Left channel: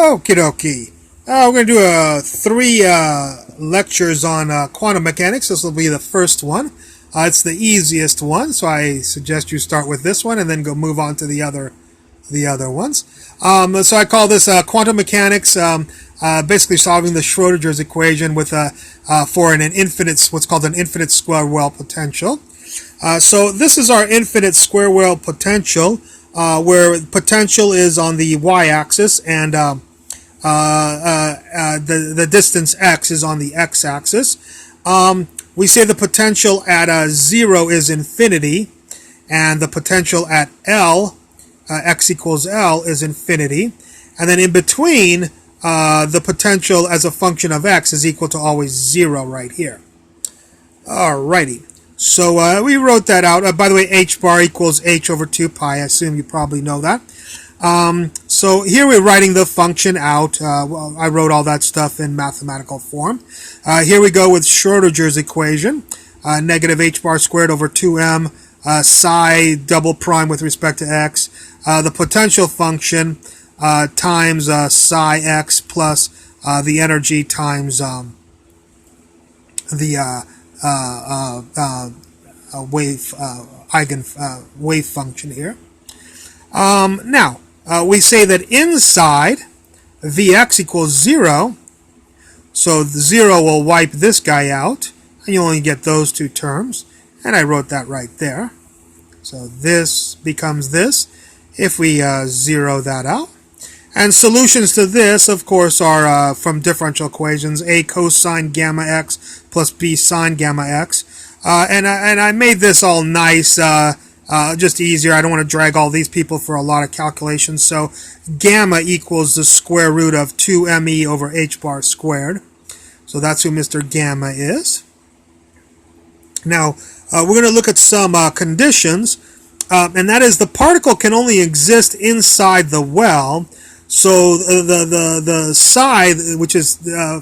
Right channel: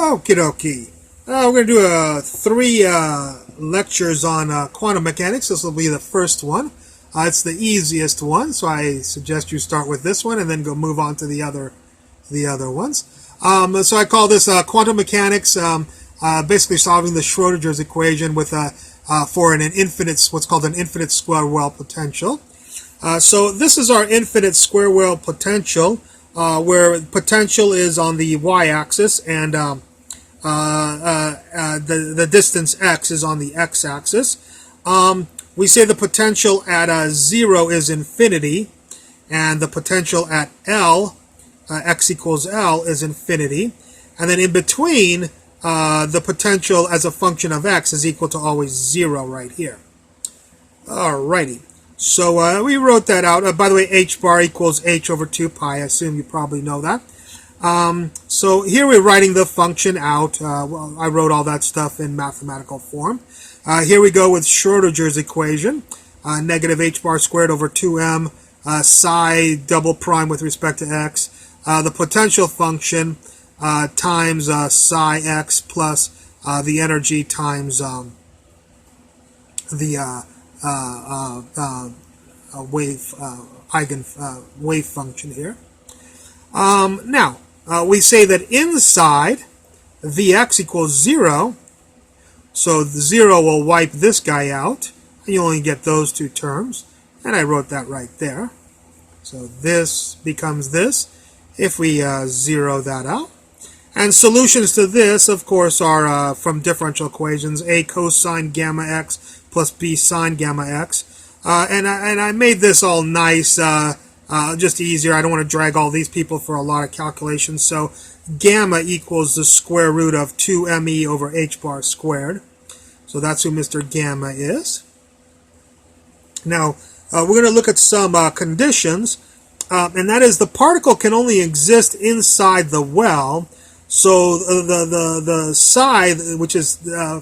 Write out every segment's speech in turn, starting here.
Okie dokie. We're going to do three lectures on quantum mechanics. This will be the first one. It's the easiest one, so I suggest you start with this one and then go move on to the other ones. So I call this quantum mechanics, basically solving the Schrodinger's equation with for an infinite, what's called an infinite square wave potential. So this is our infinite square wave potential, where potential is on the y-axis and the distance x is on the x-axis. We say the potential at 0 is infinity, and the potential at L, x equals L, is infinity. And then in between, the potential as a function of x is equal to always 0 right here. Alrighty. So we wrote that out. By the way, h bar equals h over 2 pi. I assume you probably know that. So here we're writing the function out. Well, I wrote all that stuff in mathematical form. Here we go with Schrodinger's equation. Negative h bar squared over 2m psi double prime with respect to x. The potential function times psi x plus the energy times the wave function here. Now, we say that inside Vx equals 0, so the 0 will wipe this guy out, and you only get those two terms, and I wrote that right there. So this becomes this if we zero that out. And solutions to this, of course, are from differential equations, a cosine gamma x plus b sine gamma x. And I made this all nice, just easier. I don't want to drag all these people for a lot of calculations. So gamma equals the square root of 2me over h bar squared. So that's who Mr. Gamma is. Now, we're going to look at some conditions, and that is the particle can only exist inside the well. So the psi, which is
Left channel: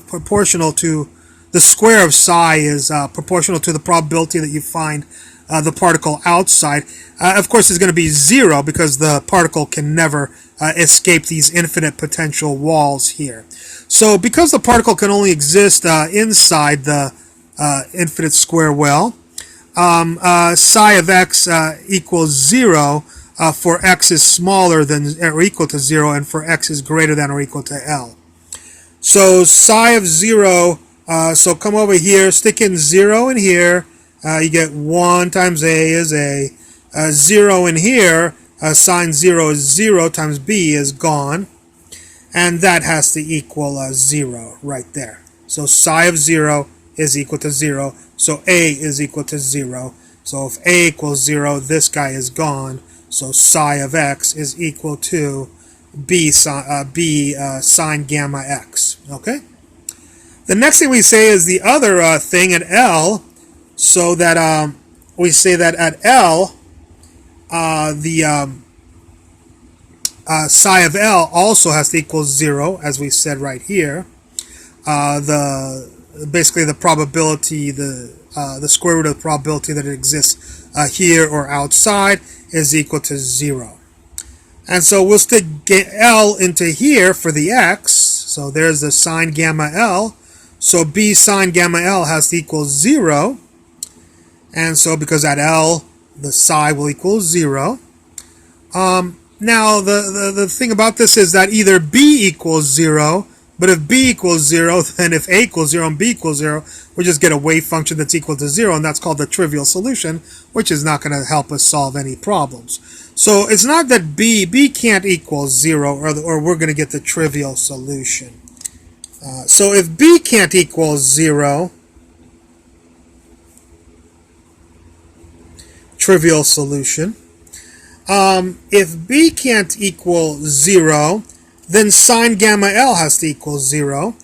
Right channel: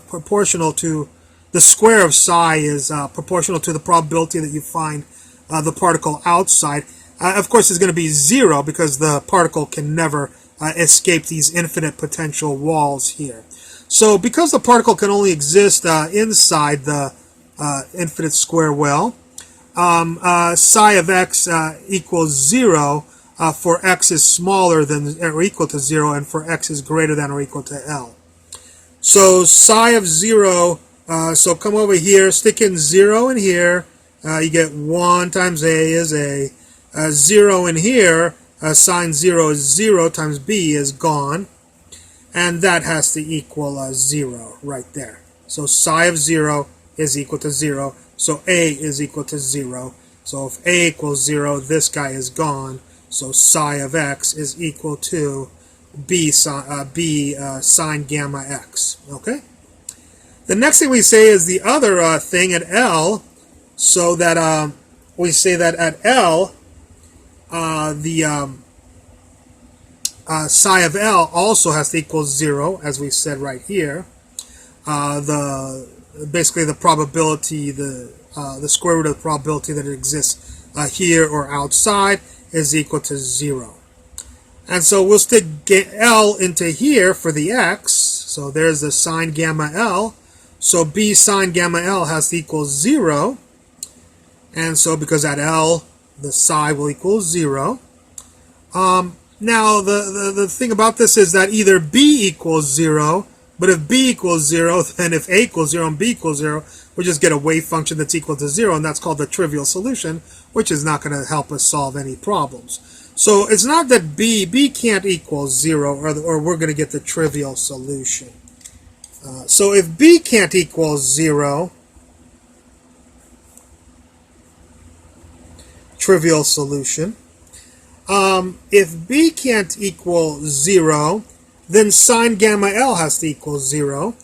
proportional to the square of psi, is proportional to the probability that you find the particle outside. Of course, it's going to be 0 because the particle can never escape these infinite potential walls here. So because the particle can only exist inside the infinite square well, psi of x equals 0 for x is smaller than or equal to 0, and for x is greater than or equal to L. So psi of 0, so come over here, stick in 0 in here, you get 1 times a is a. 0 in here, sine 0 is 0 times b is gone, and that has to equal 0 right there. So psi of 0 is equal to 0, so a is equal to 0. So if a equals 0, this guy is gone, so psi of x is equal to b sine gamma x. Okay? The next thing we say is the other thing at L, so that we say that at L, the psi of L also has to equal 0, as we said right here. Basically the probability, the square root of the probability that it exists here or outside is equal to 0. And so we'll stick L into here for the x. So there's the sine gamma L. So b sine gamma L has to equal 0. And so because at L, the psi will equal 0. Now, the thing about this is that either b equals 0, but if b equals 0, then if a equals 0 and b equals 0, we just get a wave function that's equal to 0, and that's called the trivial solution, which is not going to help us solve any problems. So it's not that b can't equal 0, or we're going to get the trivial solution. So if b can't equal 0, trivial solution. If b can't equal 0, then sine gamma L has to equal 0.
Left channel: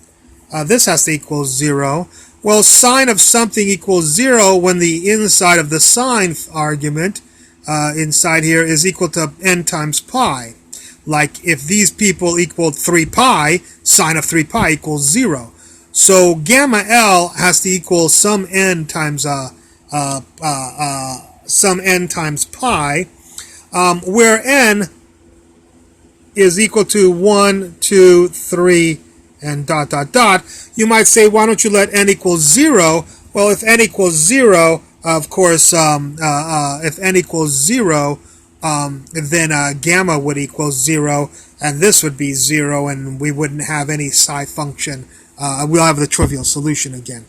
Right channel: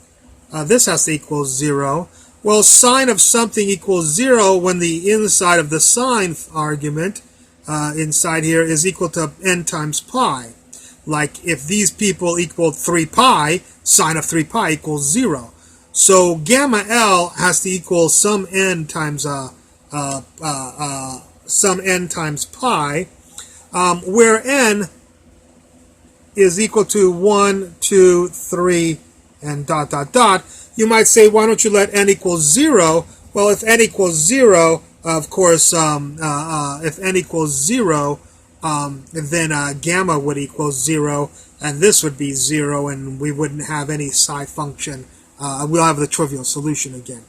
This has to equal 0. Well, sine of something equals 0 when the inside of the sine argument inside here is equal to n times pi. Like if these people equaled 3 pi, sine of 3 pi equals 0. So gamma L has to equal some n times pi, where n is equal to 1, 2, 3, and dot, dot, dot, you might say, why don't you let n equal 0? Well, if n equals 0, of course, if n equals 0, then gamma would equal 0, and this would be 0, and we wouldn't have any psi function. We'll have the trivial solution again.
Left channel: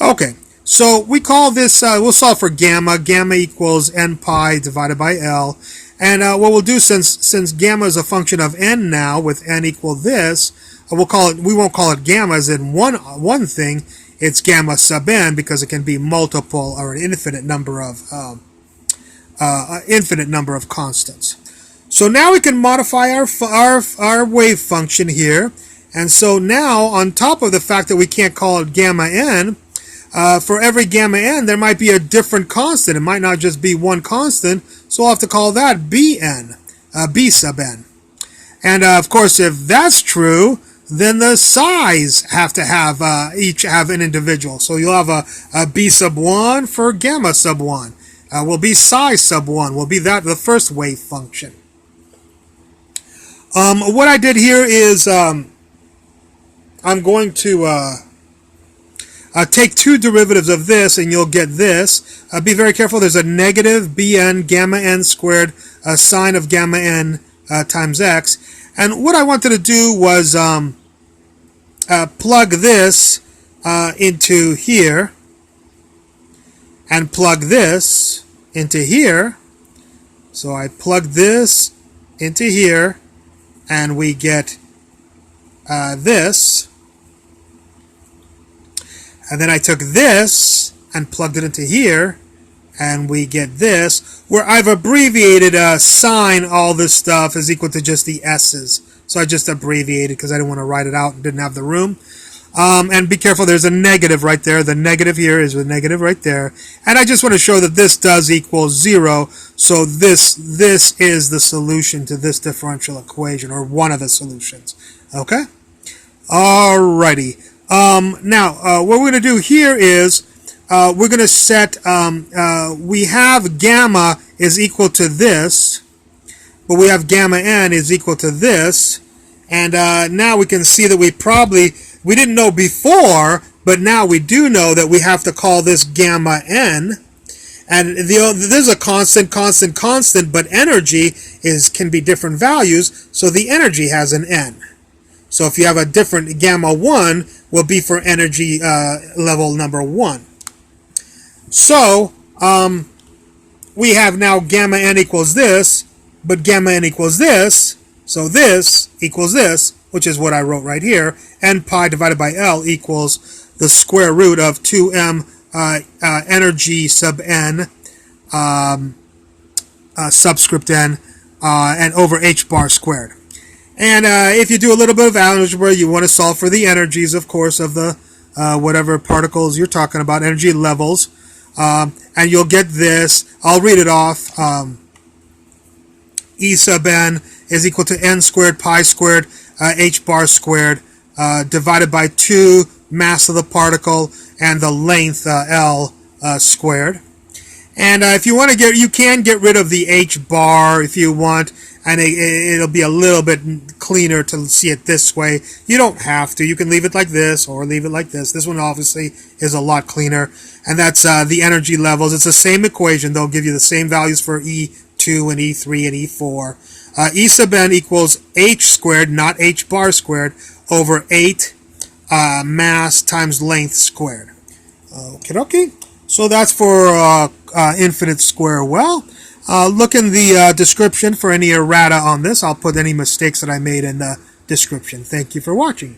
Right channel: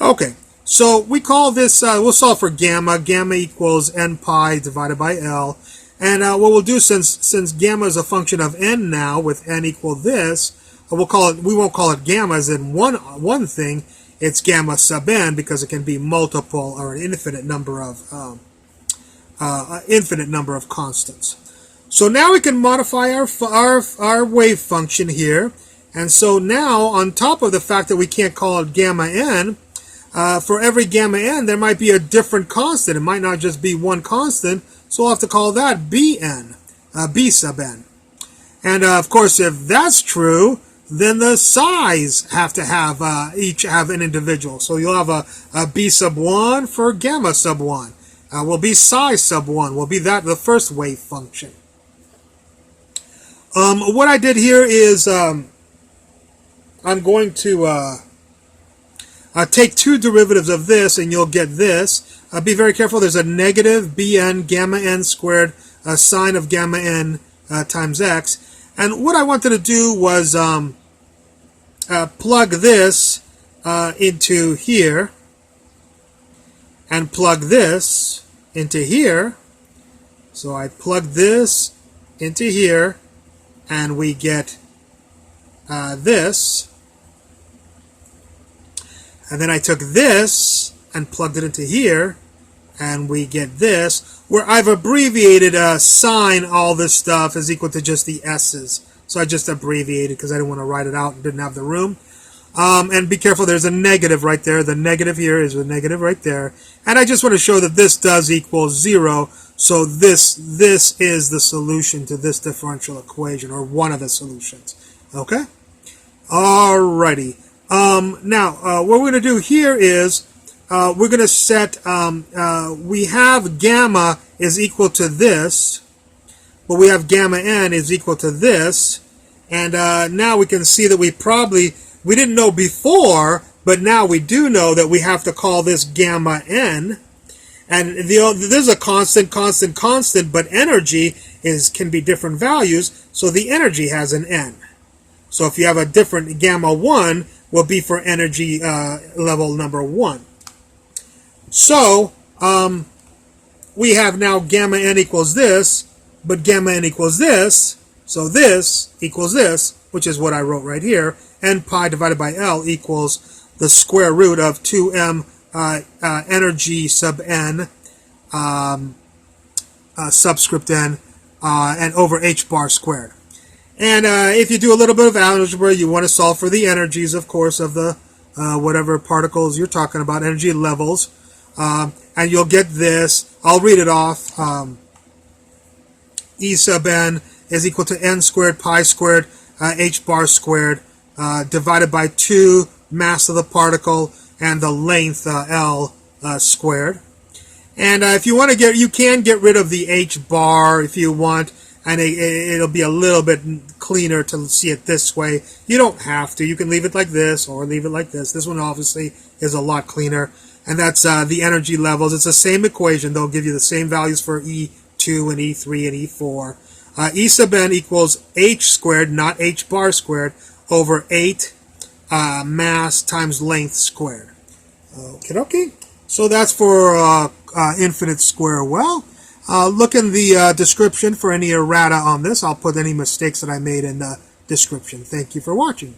Okay, so we call this, we'll solve for gamma. Gamma equals n pi divided by L. And what we'll do, since gamma is a function of n now, with n equal this, we'll call it, we won't call it gamma as in one thing. It's gamma sub n because it can be multiple or an infinite number of constants. So now we can modify our wave function here. And so now, on top of the fact that we can't call it gamma n, for every gamma n, there might be a different constant. It might not just be one constant, so we'll have to call that bn, b sub n. And of course, if that's true, then the psi's have to have, each have an individual. So you'll have a b sub 1 for gamma sub 1. Will be psi sub 1, will be that the first wave function. What I did here is, I'm going to take two derivatives of this, and you'll get this. Be very careful. There's a negative bn gamma n squared sine of gamma n times x. And what I wanted to do was plug this into here, and plug this into here. So I plug this into here, and we get this. And then I took this and plugged it into here, and we get this, where I've abbreviated sine all this stuff is equal to just the s's. So I just abbreviated because I didn't want to write it out and didn't have the room. And be careful, there's a negative right there. The negative here is a negative right there. And I just want to show that this does equal 0. So this is the solution to this differential equation, or one of the solutions. Okay? Alrighty. Now, what we're going to do here is we're going to set, we have gamma is equal to this, but we have gamma n is equal to this. And now we can see that we didn't know before, but now we do know that we have to call this gamma n. And there's a constant, but energy can be different values, so the energy has an n. So if you have a different gamma 1, will be for energy level number 1. So we have now gamma n equals this, but gamma n equals this, so this equals this, which is what I wrote right here. N pi divided by L equals the square root of 2m energy sub n subscript n and over h bar squared. And if you do a little bit of algebra, you want to solve for the energies, of course, of the whatever particles you're talking about, energy levels. And you'll get this. I'll read it off. E sub n is equal to n squared pi squared h bar squared divided by 2 mass of the particle and the length L squared. And if you want to you can get rid of the h bar if you want, and it'll be a little bit cleaner to see it this way. You don't have to. You can leave it like this or leave it like this. This one obviously is a lot cleaner. And that's the energy levels. It's the same equation. They'll give you the same values for E2 and E3 and E4. E sub n equals h squared, not h bar squared, over 8 mass times length squared. Okay. So that's for infinite square well. Look in the description for any errata on this. I'll put any mistakes that I made in the description. Thank you for watching.